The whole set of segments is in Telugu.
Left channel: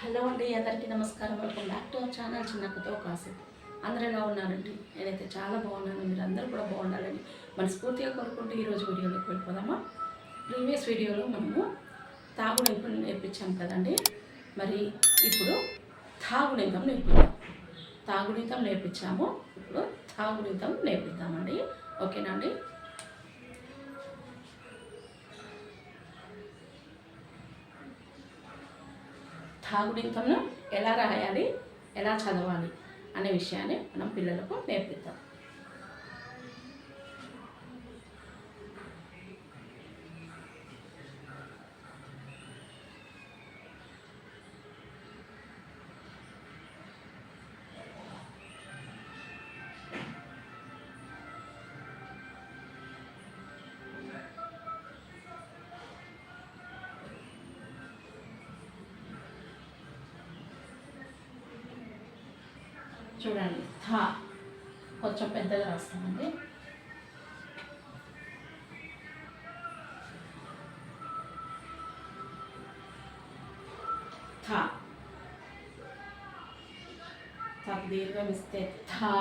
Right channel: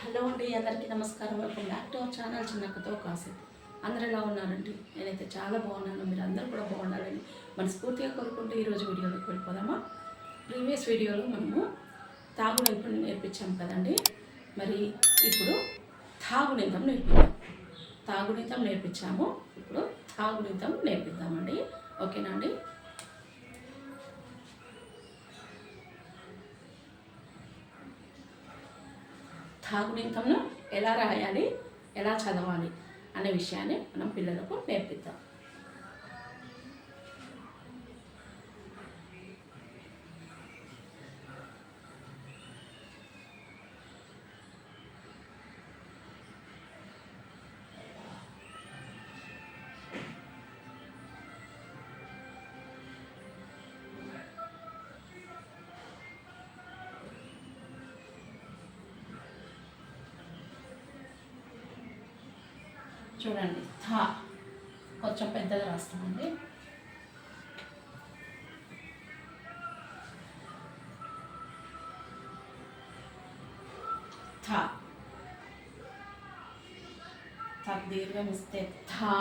హలో అండి అందరికీ నమస్కారం. Welcome back to our channel చిన్నక్కతో కాసేపు అందరూ ఎలా ఉన్నారండి? నేనైతే చాలా బాగున్నాను. మీరు అందరూ కూడా బాగుండాలని మనస్ఫూర్తిగా కోరుకుంటూ ఈరోజు వీడియోలోకి వెళ్ళిపోదామా? ప్రీవియస్ వీడియోలో మనము తాగునీతం నేర్పించాం కదండి. మరి ఇప్పుడు తాగునీతం నేర్పిద్దాం. తాగునీతం నేర్పించాము. ఇప్పుడు తాగునీతం నేర్పిద్దామండి. ఓకేనా అండి? తాగునీతంను ఎలా రాయాలి? ఎలా చదవాలి? అనే విషయాన్ని మనం పిల్లలకు నేర్పిద్దాం. చూడండి. థా. కొంచెం పెద్దగా రాస్తామండి. థా. తాకు దీర్ఘం ఇస్తే థా.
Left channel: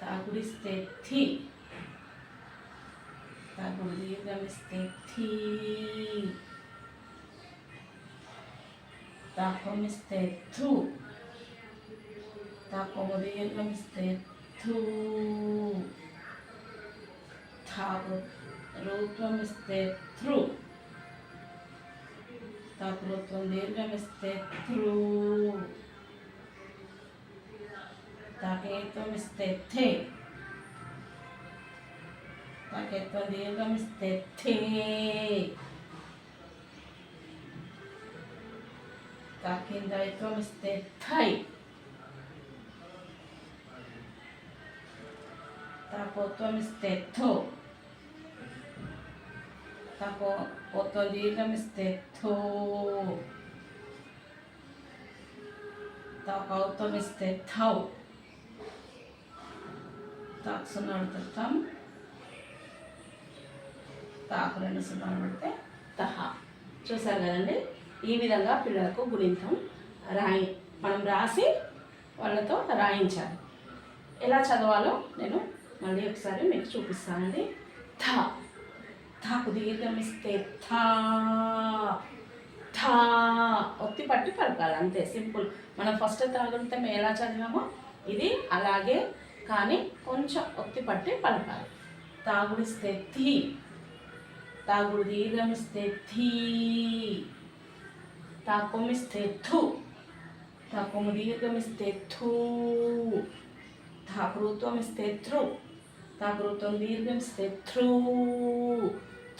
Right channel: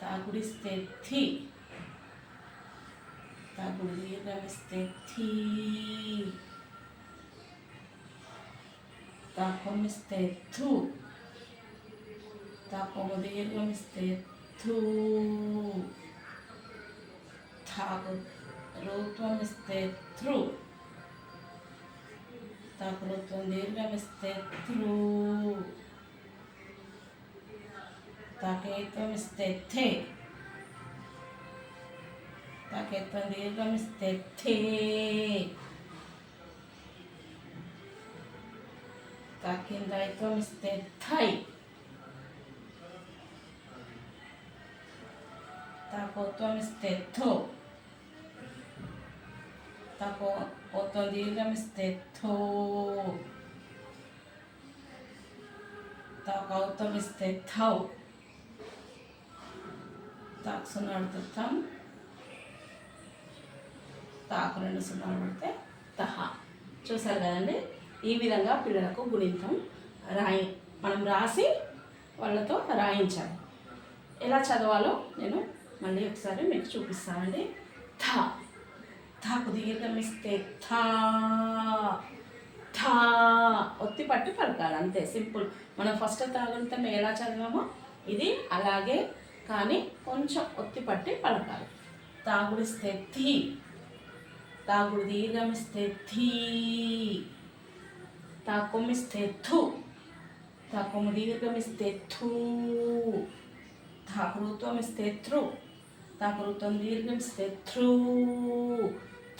తాగుడిస్తే థి. తాగుడు దీర్ఘం ఇస్తే థీ. తాకొమిస్తే థు తాకొము దీర్ఘమిస్తే థూ తాకు రూత్వమిస్తే థ్రు తాకు రూత్వం దీర్ఘమిస్తే థ్రూ పోత్వం దీర్ఘం ఇస్తే థో తాకౌత్వం ఇస్తే థౌ తాకు సున్నాడు తం తాకు రెండు సున్నాలు పడితే తహా చూసారు కదండి ఈ విధంగా పిల్లలకు గుణితం రాయి మనం రాసి వాళ్ళతో రాయించాలి. ఎలా చదవాలో నేను మళ్ళీ ఒకసారి మీకు చూపిస్తానండి. థా. థాకు దీర్ఘం ఇస్తే థా. థా. ఒత్తి పట్టి పలకాలి అంతే సింపుల్. మనం ఫస్ట్ తాగులితం ఎలా చదివామో ఇది అలాగే కానీ కొంచెం ఒత్తి పట్టి పలకాలి. తాగుడిస్తే థీ. తాగుడు దీర్ఘం ఇస్తే థీ. తాకొమిస్తే థు తాకొము దీర్ఘమిస్తే థూ తాకృత్వం ఇస్తే థ్రు తాకృత్వం దీర్ఘమిస్తే థ్రూ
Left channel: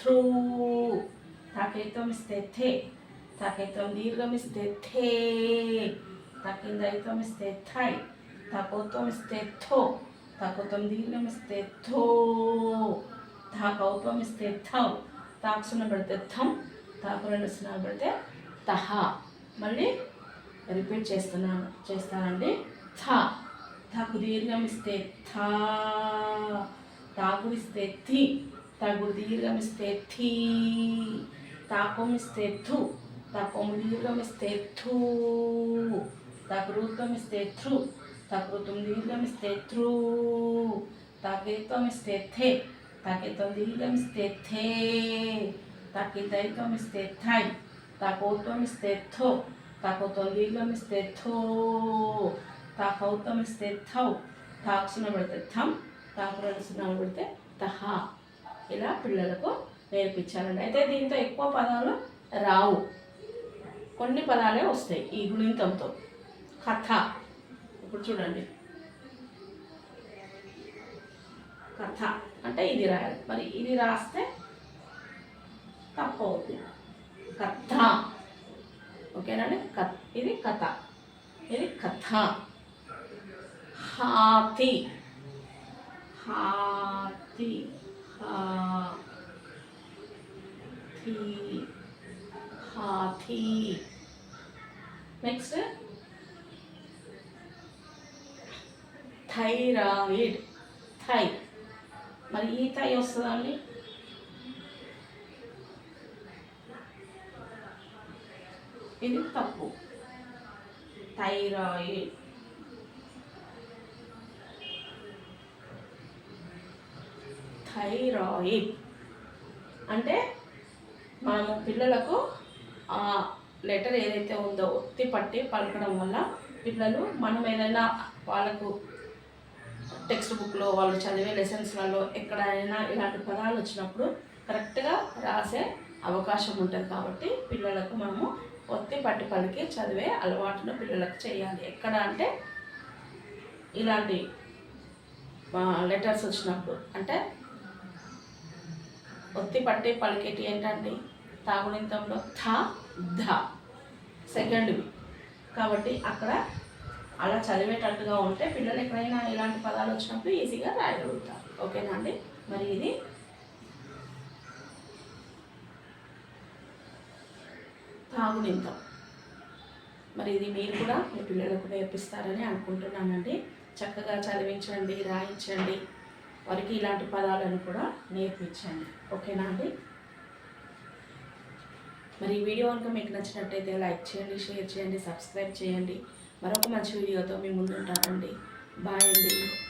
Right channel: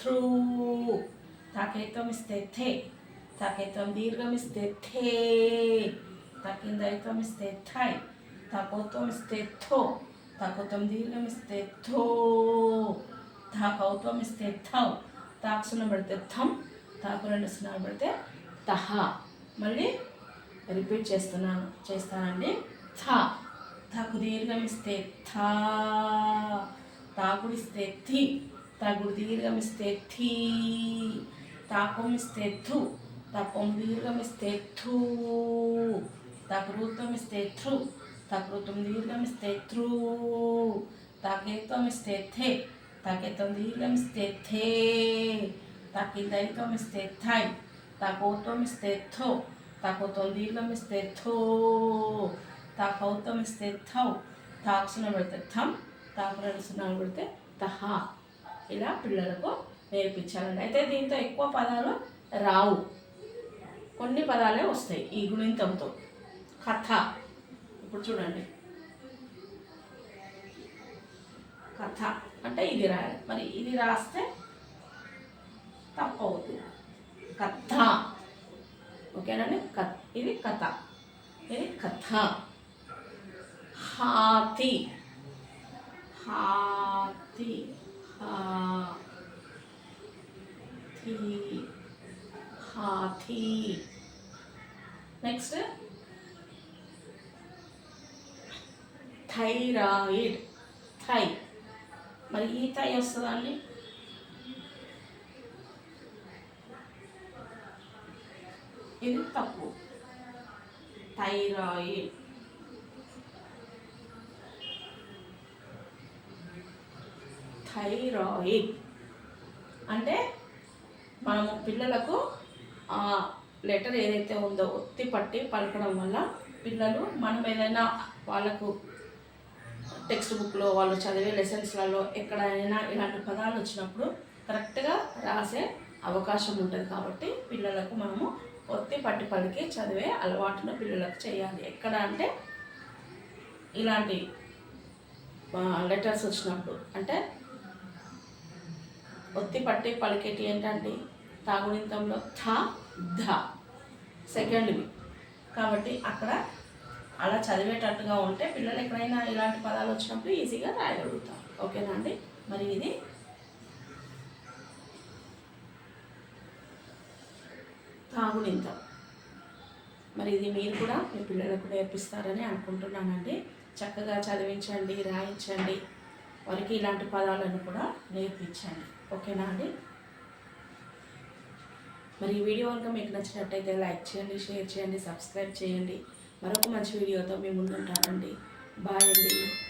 థ్రూ తాకైత్వం ఇస్తే థే తాకైత్వం దీర్ఘమిస్తే థే తాకిందైత్వం ఇస్తే థై తాకోత్వం ఇస్తే థో తాకోత్వం దీర్ఘమిస్తే థో తాకౌత్వం ఇస్తే థౌ తాక్సున పెడితే థమ్ తాకు రెండు సున్నాలు పెడితే తహ. మళ్ళీ రిపీట్ చేస్తున్నాను. చేస్తానండి. థా. తాకు దీర్ఘం ఇస్తే థా. తాగుడిస్తే థి తాగుడు దీర్ఘం ఇస్తే థీ. తాకం ఇస్తే థు. తాకం దీర్ఘం ఇస్తే థూ. తాకృతం ఇస్తే థ్రు. తకృతం దీర్ఘం ఇస్తే థ్రూ తకేత్వం ఇస్తే థే. తాకేత్వం దీర్ఘం ఇస్తే థే. తాకి దైత్వం ఇస్తే థై. తాకోత్వం ఇస్తే థో తాకోత్వం దీర్ఘం ఇస్తే థో తాకౌత్వం ఇస్తే థౌ తాక్సున పెడితే థమ్ తాకు సున్నాలు పెడితే తహా ఇలా పిల్లలకు నేర్పించాలండి. అయితే దీంతో ఎక్కువ పదాలు రావు. కొన్ని పదాలే వస్తాయి ఈ గుణితంతో. కథ. ఇప్పుడు చూడండి. కథ. అంటే ఇది రాయాలి. మరి ఇది రాస్తే తప్పు అవుతుంది కథ. ఓకేనండి కథ ఇది కథ. ఇది కథ. హాతి. హాతి. హాతి. హాతి. నెక్స్ట్. థైరాయిడ్. థై. మరి ఈ థై వస్తుందండి ఇది తప్పు. థైరాయిడ్. థైరాయిడ్. అంటే మనము పిల్లలకు ఆ లెటర్ ఏదైతే ఉందో ఒత్తి పట్టి పలకడం వల్ల పిల్లలు మనం ఏదైనా వాళ్ళకు టెక్స్ట్ బుక్లో వాళ్ళు చదివే లెసన్స్లలో ఎక్కడైనా ఇలాంటి పదాలు వచ్చినప్పుడు కరెక్ట్గా రాసే అవకాశం ఉంటుంది కాబట్టి పిల్లలకు మనము ఒత్తి పట్టి పలికి చదివే అలవాటును పిల్లలకు చేయాలి. ఎక్కడ అంటే ఇలాంటి లెటర్స్ వచ్చినప్పుడు. అంటే ఒత్తి పట్టి పలికేటి ఏంటంటే తాగునింతంలో థ ధ సెకండ్వి కాబట్టి అక్కడ అలా చదివేటట్టుగా ఉంటే పిల్లలు ఎక్కడైనా ఇలాంటి పదాలు వచ్చినప్పుడు ఈజీగా రాయగలుగుతారు. ఓకేనా అండి? మరి ఇది తాగునింతం. మరి ఇది మీరు కూడా మీ పిల్లలకు నేర్పిస్తారని అనుకుంటున్నానండి. చక్కగా చదివించండి రాయించండి. వారికి ఇలాంటి పదాలను కూడా నేర్పించండి. ఓకేనా అండి? మరి ఈ వీడియో కనుక మీకు నచ్చినట్టయితే లైక్ చేయండి షేర్ చేయండి సబ్స్క్రైబ్ చేయండి. మరొక మంచి వీడియోతో మీ ముందుంటానండి. బాయ్ అండి.